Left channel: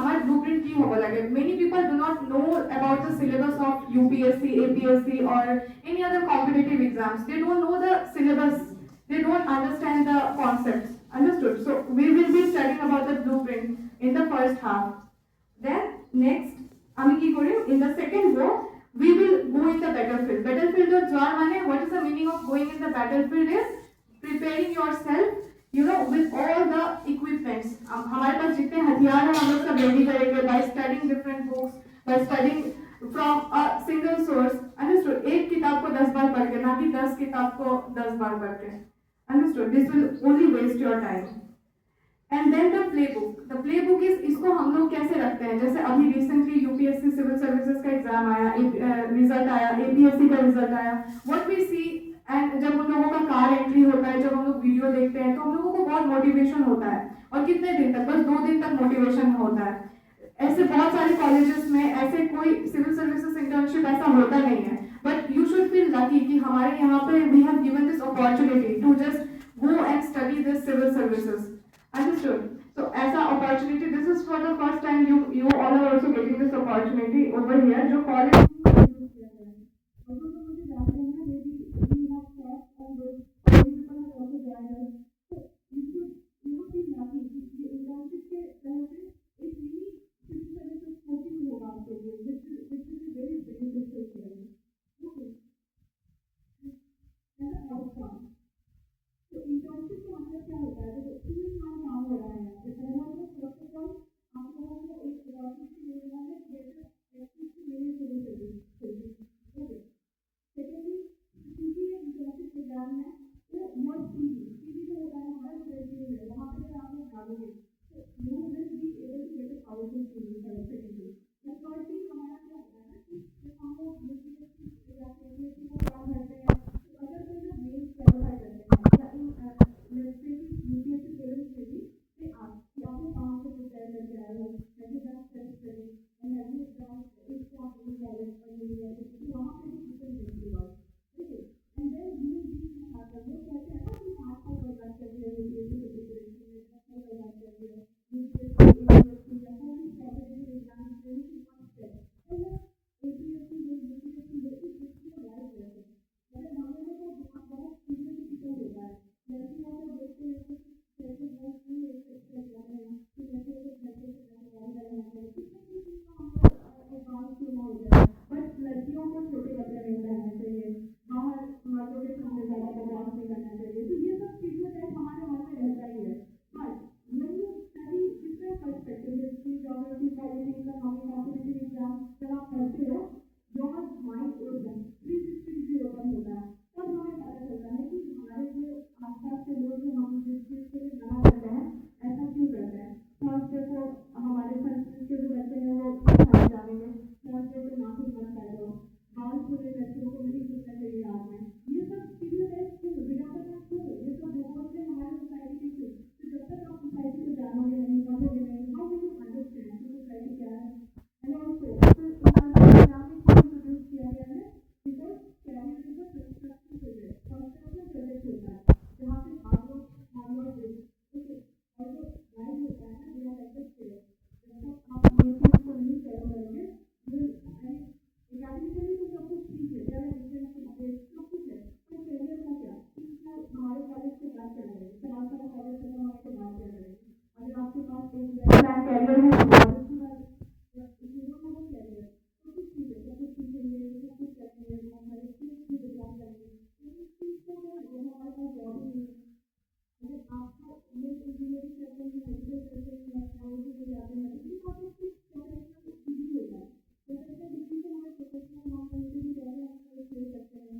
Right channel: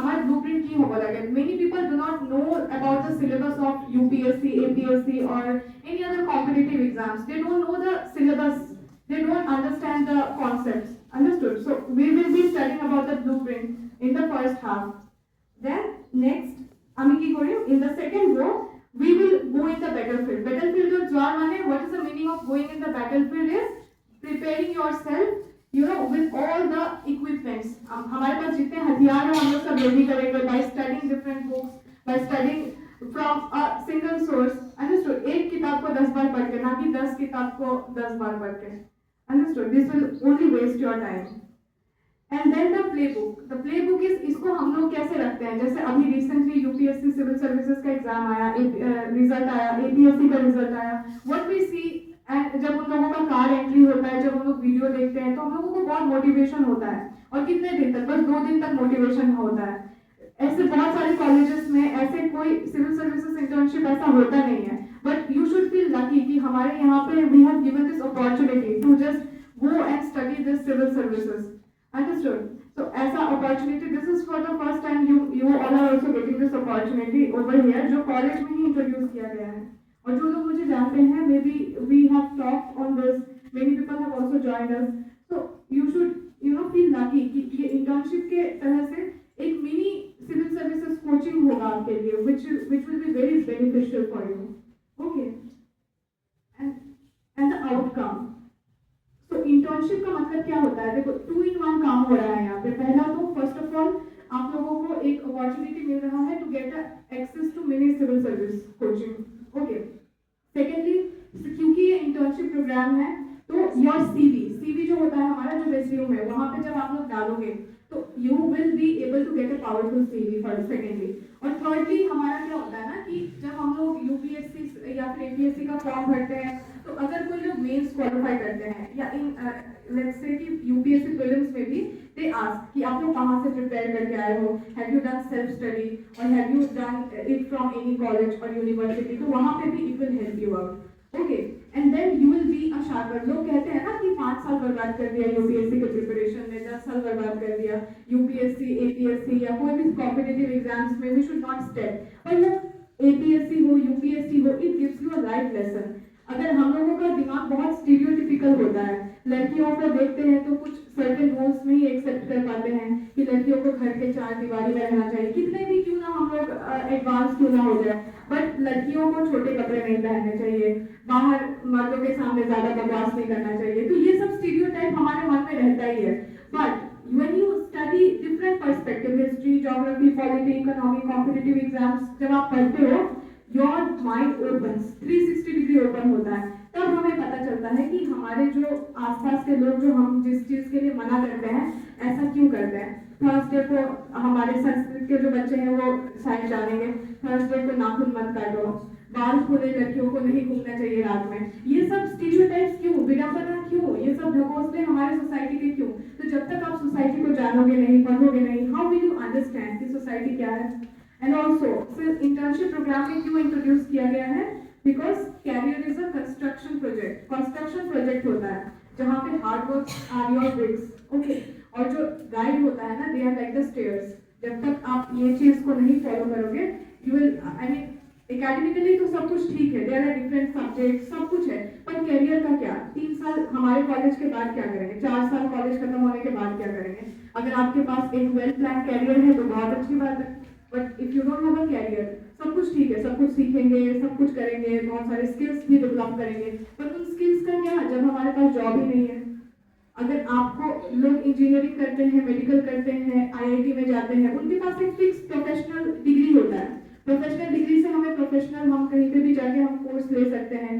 আমার ব্লুপ্রিন্ট কি হবো লাগে many people do not know about the syllabus of UPSC APSC or any other competitive exams. They don't know the syllabus, they don't understand the concepts. Understood? So we will be studying about the blueprint in the first half. Then next আমি কি করি in the second row we will go in the battlefield. Battlefield of যাওয়ার মানে what is the meaning of going in the battlefield is preparing yourself, you know, with all the equipments. हमारे पास जितने हथियार हैं हम लोग सब रेडी करेंगे by studying different books, by studying from a single source. Understood? एक किताब को 10 बार पढ़ के, ना कि 10 किताब को 10 बार पढ़ के. Understood? This will only waste your time. And then the playbook is इसको हम लोग कैसे रखते हैं, जैसे अभी रिसेंटली यूपीएससी सिविल सर्विसेज का एग्जाम आया, रिजल्ट आया, एपीएससी का रिजल्ट आया. व्हाट वी सी एंड जब उन लोगों का कार एंट्री होता है, जब हम लोग वीडियो देखते हैं तो हम लोगों को बहुत मोटिवेशन होता है. और कितने दिन तक? बस 2 दिन तक मोटिवेशन होता है. ऐसे बहुत सारे कॉलेजेस में ऐसे कोई सिविल सर्विसेज इंटर्नशिप ऐसा होता नहीं है. But you should feel lucky कि हमारे यहाँ पे we have given this opportunity to just go and study this civil services. Understood? So as an opportunity, this is for the first time you all are also getting this opportunity over here, जो college में ही introduce किया गया है. और जो लोग मुझे जानते हैं, maybe we have talked on this, many people have also joined us. So you should, you know, feel lucky कि ये internship के तरह से एक mini civil services coaching होगा आपके लिए, which will be very beneficial for you. Okay. And the outcome. तो इंटर्नशिप का मतलब क्या होता है? देखो 2 in 1 काम हो रहा है यहाँ पे. पहला तो फर्स्ट ऑफ ऑल आप लोगों को एक अपॉर्चुनिटी मिल रहा है to get access to mini civil service coaching. Okay. Secondly क्योंकि ये इंटर्नशिप प्रोग्राम है तो योर सीवी जो होता है हमारा, जो रेज्यूम है, वहाँ पे जब आप लोग डालोगे तो you will be able to get a powerful CV first. Secondly और थर्डली हमारा क्या होता है ना कि जब हम लोग यूपीएससी या फिर एपीएससी का फॉर्म भरते हैं तो अगर कोई लोग मेंस क्वालिफाई करते हैं या इन लेट्स से कि यूपीएससी प्रीलिम्स में भी दे आस्क कि आप लोग कहाँ से प्रिपेयर करके आए हो, have you done self study और have you done it from any college और यूनिवर्सिटी. तो वहाँ पे भी it will help you out. Okay. And then you will be a sharper. लोग कहते हैं ना कि 5 साल बर्बाद कर दिया यूपीएससी के प्रिपरेशन में, 10 साल बर्बाद कर दिया यूपीएससी एपीएससी या कोई भी कॉम्पिटिटिव एग्जाम्स में. We should not step. पर वो एपीएससी हो यूपीएससी हो, it gives you a life lesson. अगर हम लोगों का दिमाग बहुत स्टीरियोटिपिकल होता है, लड़कियों को देखते हैं तो कुछ सर्टेन रूल्स में ही एक्सेप्ट कर पाते हैं कि लड़कियों को घर के 4 दीवारी में रहना चाहिए, कितने भी क्यों ना हम लोग एडवांस क्यों ना हो जाए, बट लड़कियों को छोटे कपड़े नहीं पहनने चाहिए, बाहर मर्दों के सामने ज्यादा बकवास नहीं करना चाहिए. तो ये सब स्टीरियोटाइप हमारे मन में रहता ही है. But when you study different perspective, history, geography, polity, economy, competitive exams, जब आप पढ़ते हो your mind opens, 360 degree open होता है. तब हमें पता चलता है कि हमारे जो आसपास के लोग जो हम जिस चीज के लिए मना करते हैं ऐसा क्यों करते हैं. थर्सडे को हमारे संस्कृत के जो बच्चे हैं वो शायद जानेंगे, थर्सडे को नाखून मत काटो, बाल खोले लड़कियों को नहीं घूमना चाहिए रात में. ये सब स्टीरियोटाइप्स क्यों, विडंबना क्यों, ये सब ढकोसले हमारे सोसाइटी के क्यों? तो जब तक आप सोसाइटी को जानोगे नहीं, पढ़ोगे नहीं, हाउ विल यू अंडरस्टैंड कि सोसाइटी क्या है. एंड ऑल्सो इंटर्नशिप प्रोग्राम में क्यों इंट्रोड्यूस किया गया है? Because career is a construction project. Construction project होता है जहाँ पे hard work are your bricks. Okay. और जो गाइड होता है ना, they are like the stairs. जब तक आप ये चीज को नहीं फॉलो करोगे, you will, I mean academically तो सब कुछ ठीक है, देयर आर डिफरेंट सब्जेक्ट, सब कुछ है, पर कैरियर का क्या? 3 साल हमारे कॉलेज के बाद क्या करेंगे? 4 साल कॉलेज खत्म होने के बाद क्या करेंगे? अगर आपके पास एक वेल प्लान कैरियर है तो बहुत अच्छी बात है. But if you don't have a career, सब कुछ ठीक है, सब कुछ सीखेंगे, सब कुछ करेंगे, बहुत सारे स्किल्स भी डेवलप करेंगे, पर उन स्किल्स का क्या जब हमारे पास जॉब ही नहीं है? अगर आपको लोग इंजीनियरिंग करते हैं, मेडिकल करते हैं, आईआईटी में जाते हैं, उनके पास एक फिक्स प्रोफेशनल डिग्री होता है. प्रोफेशनल डिग्री से हमें प्रोफेशनल, हम कहीं पे भी जाके हम कोर्स ले सकते हैं,